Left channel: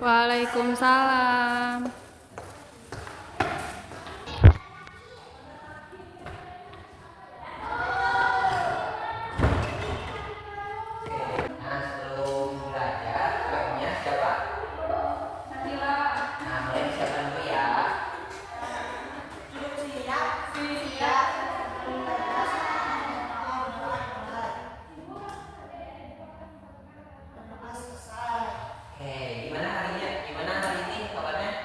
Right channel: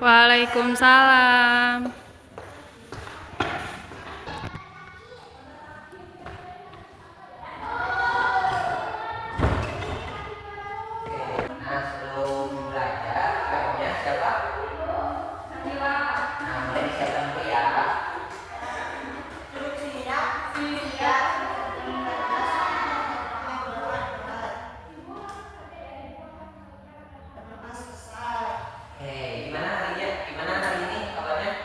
Waalaikumsalam. Nah, sebelum belajar, kayaknya siapa? Nah, mulai disiapkan dulu ya. Oke, gimana harinya? Gimana hari ini kabarnya?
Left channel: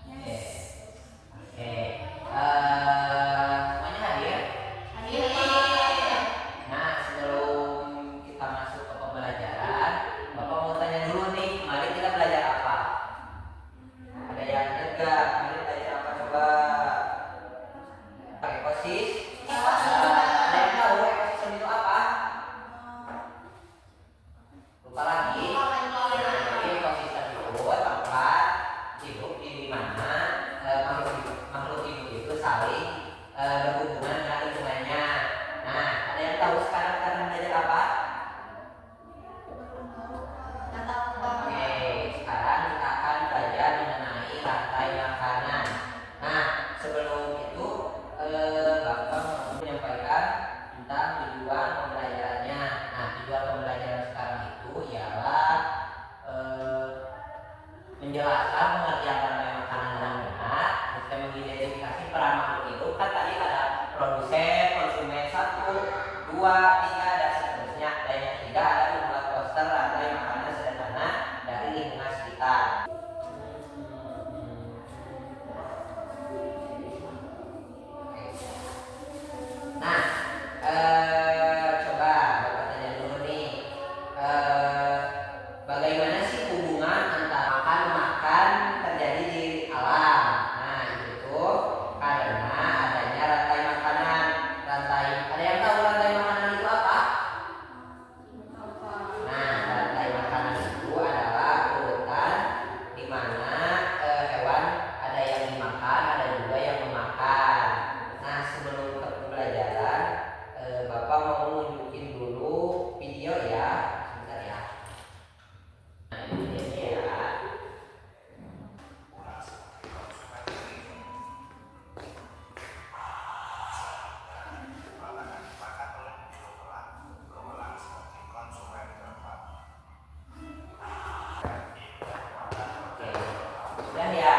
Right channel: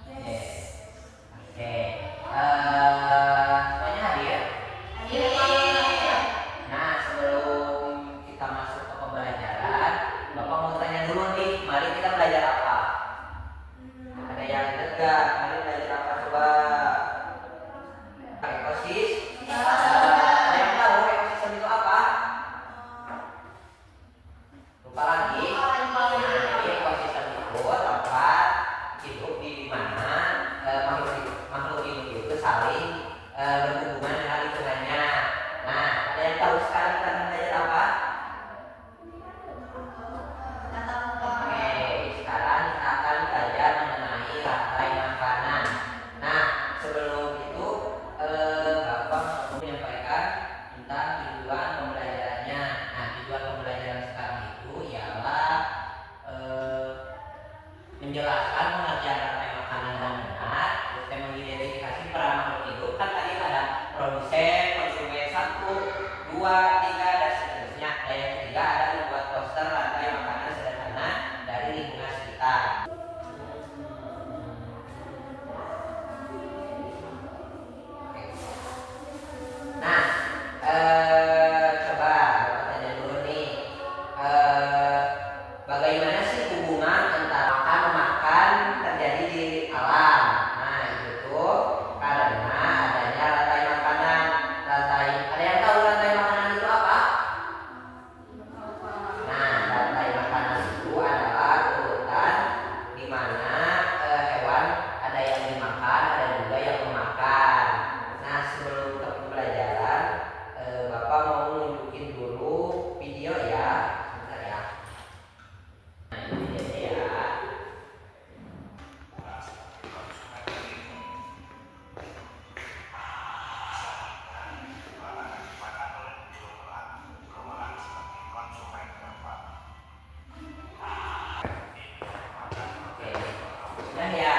Oke, oke. Semuanya hadir? Nah, sebelum kita masuk ke pembelajaran, Bapak mau tanya dulu nih, mari kita belajar apa? Ada yang tegak, mari belajar apa coba? Ekosis? Ada yang tahu ekosistem itu apa? Lupa lagi? Nah, ekosistem itu tempat hidup di mana makhluk hidup itu saling berhubungan dengan lingkungannya. Nah, ada yang tahu sekarang kita akan belajar apa? Oke, sekarang kita akan belajar mengenai rantai makanan. Nah, sebelum itu Bapak mau menyampaikan tentang tujuan pembelajarannya. Nah, tujuan pembelajaran sekarang itu ialah menjelaskan pengertian rantai makanan dengan benar, dan mengidentifikasi peran makhluk hidup. Kan tadi ada produsen, konsumen 1, 2, 3 dan seterusnya. Dan yang ketiga ada membuat poster rantai makanan sederhana dari lingkungan sekitar. Nah, coba Bapak tanya dulu nih, bagaimana sih hubungan antara makan memakan terjadi di alam? Nah, itu tuh karena adanya rantai makanan. Ada yang tahu rantai makanan itu apa? Nah, rantai makanan itu adalah urutan di mana hewan ada yang dimakan, ada juga yang memakan. Nah, sebelum ke pembelajaran, Bapak mau nunjukin dulu video ya, sebentar ya. Nah, ini videonya ya. Oke, sudah ya.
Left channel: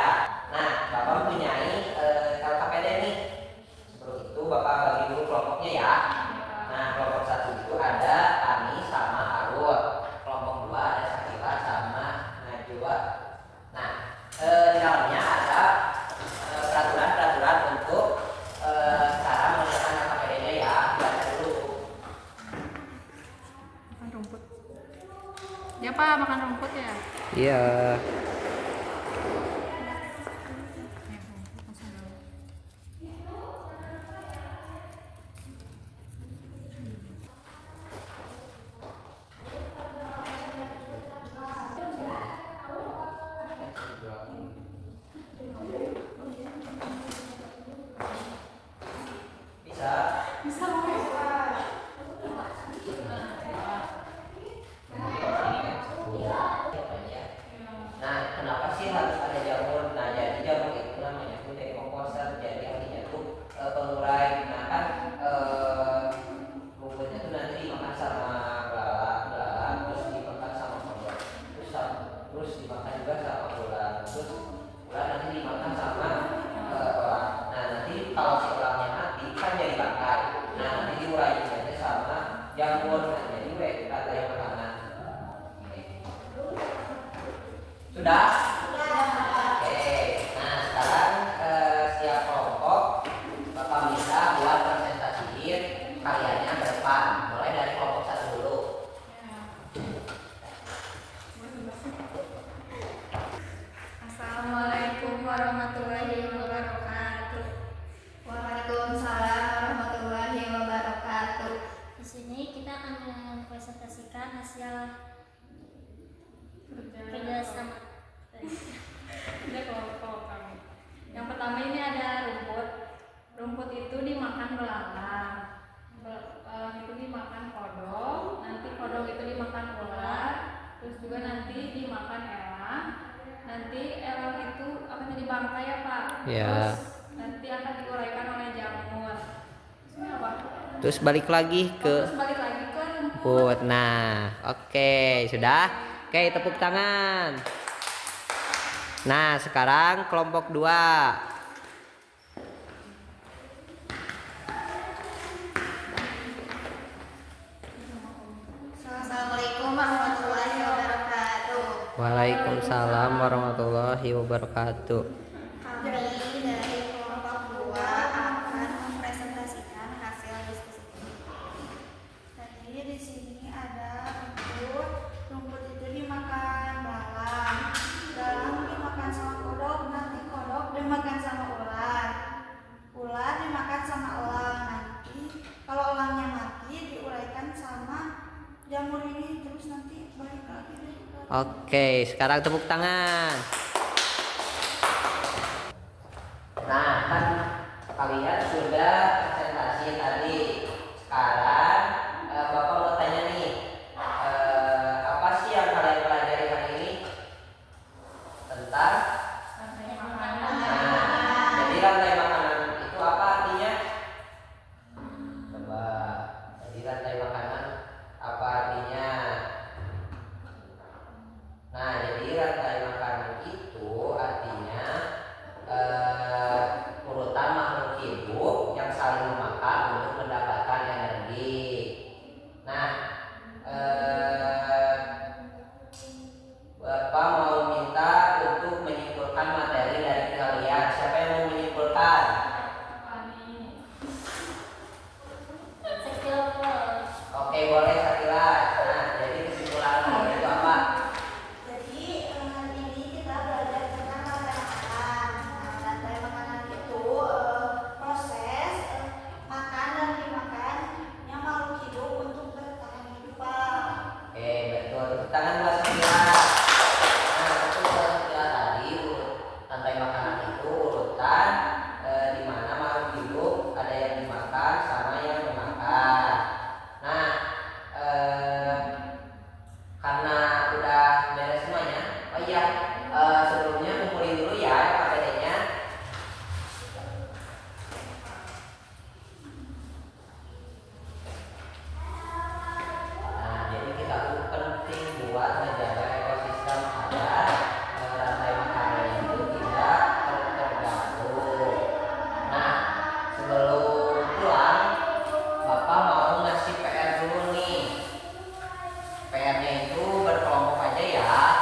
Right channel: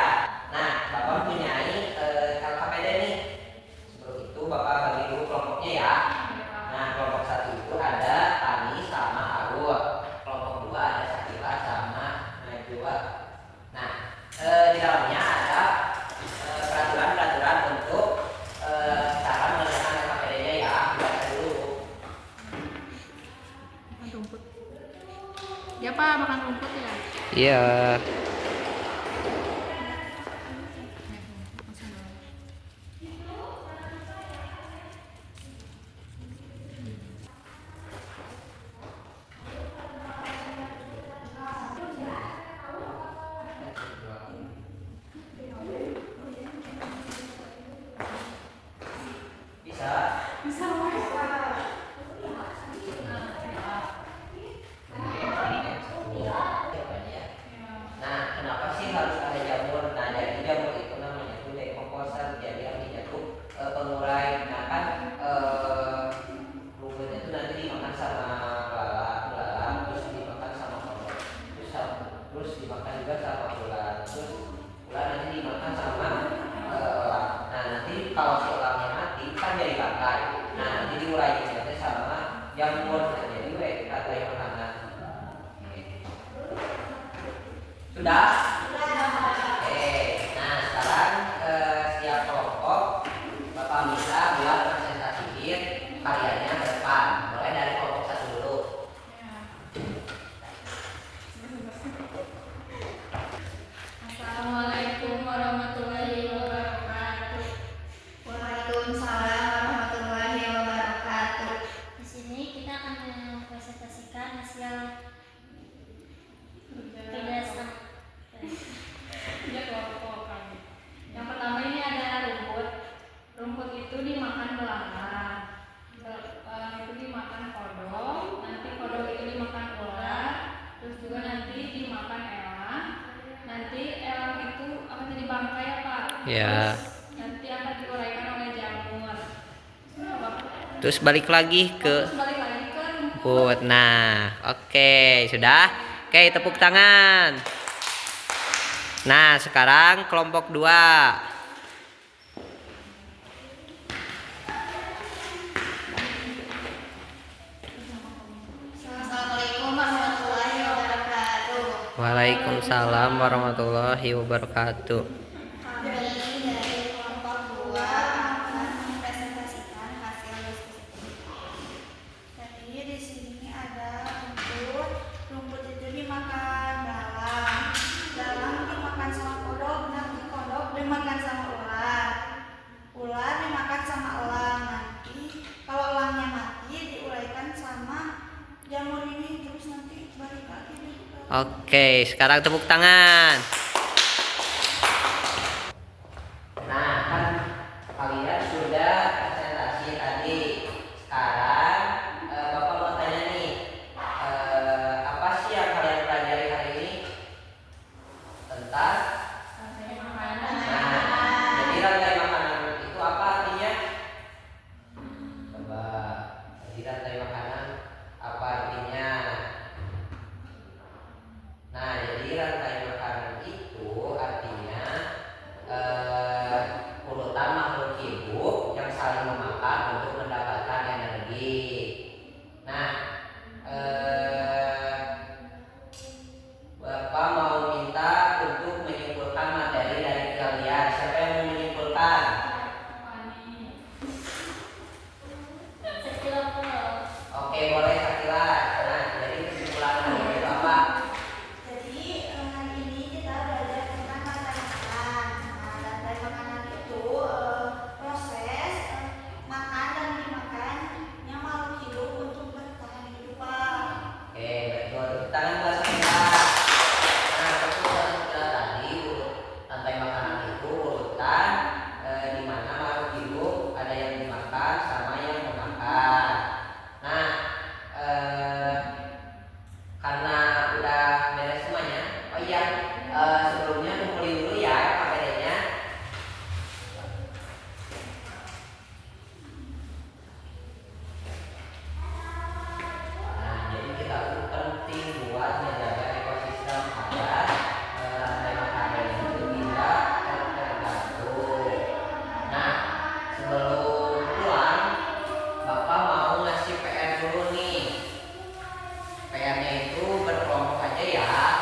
Nah, Bapak mempunyai LKPD nih. Sebelum itu Bapak bagi dulu kelompoknya ya. Nah, kelompok 1 itu ada Tani sama Arul. Kelompok 2 ada Sakila sama Najwa. Nah, di dalamnya ada peraturan-peraturan untuk cara mengerjakan LKPD-nya ya. Baca dulu. Rumput. Ya Pak, makan rumput ya? Iya. Bisa. Nah, kenapa sih harus ada jamur? Nah, jadi jamur itu namanya tuh decomposer. Jadi artinya tuh pengurai. Nah, kan rumputnya tuh nanti dimakan sama belalang, terus dimakan sama kodok, terus dimakan juga sama ular, terus ular nanti dimakan sama orang. Nah, nanti kalau si orangnya mati kan jadi bangkai. Nah, nanti diurainya itu sama jamur. Nah, jadi rantai makanan. Sudah? Oke. Nah, sekarang setiap kelompok Bapak bisa buat presentasiin karyanya ke depan. Mulai dari kelompok 1 dulu. Assalamualaikum warahmatullahi wabarakatuh. Waalaikumsalam warahmatullahi wabarakatuh. Di sini kita akan mempresentasikan hasil kerja sama. Ya kelompok kami. Yang pertama ini ada rumput. Rumput itu dimakan belalang. Belalang itu dimakan kodok. Ya. Nanti akan diuraikan oleh jamur. Ini apa? Terus balik lagi ke Terus balik lagi ke rumput. rumput. Nah, oke, sudah. Oke, tepuk tangan. Nah, sekarang kelompok 2. Assalamualaikum warahmatullahi wabarakatuh. Waalaikumsalam warahmatullahi wabarakatuh. Kami dari kelompok 2 akan mempresentasikan hasil diskusi kita. Jadi di sini ada rumput. Rumput itu dimakan belalang. Belalang dimakan sama kodok, nanti kodok dimakan sama ular. Ular dimakan sama elang. Nanti kalau elangnya mati diuraikan sama jamur ini, terus nanti balik lagi deh ke Oke, sekarang tepuk tangan. Nah, kan kalian sudah presentasi tadi. Sekarang Bapak mau tanya nih, apa sih yang kalian pelajari hari ini tentang? Rantai makanan. Nah, jadi rantai makanan itu apa artinya? Coba, jadi rantai makanan apa artinya? Nah, jadi rantai makanan itu artinya urutan makhluk hidup yang saling memakan untuk mendapatkan energi. Nah, Bapak mau minta untuk menyimpulkan materi dari kalian. Siapa yang mau menyimpulkan? Oke, boleh Sakila. Nah, jadi kesimpulan kalian itu apa? Jadi hari ini kita belajar tentang rantai makanan. Nah, rantai makanan itu proses makan dan dimakannya makhluk hidup untuk bertahan hidup, Pak. Oke, betul. Tepuk tangan buat Sakila. Nah, betul Sakila tadi rantai makanan itu urutan di mana makhluk hidup ada yang dimakan sama yang memakan. Nah, karena udah beres semuanya, oh iya, sebelumnya kumpulin dulu ya KPD-nya. Nah, jadi kita itu penting buat menjaga ekosistem agar rantai makanan itu tidak terganggu. Nah, sebelum pulang, Bapak mau ngasih PR dulu nih. PR-nya itu berkelompok aja ya.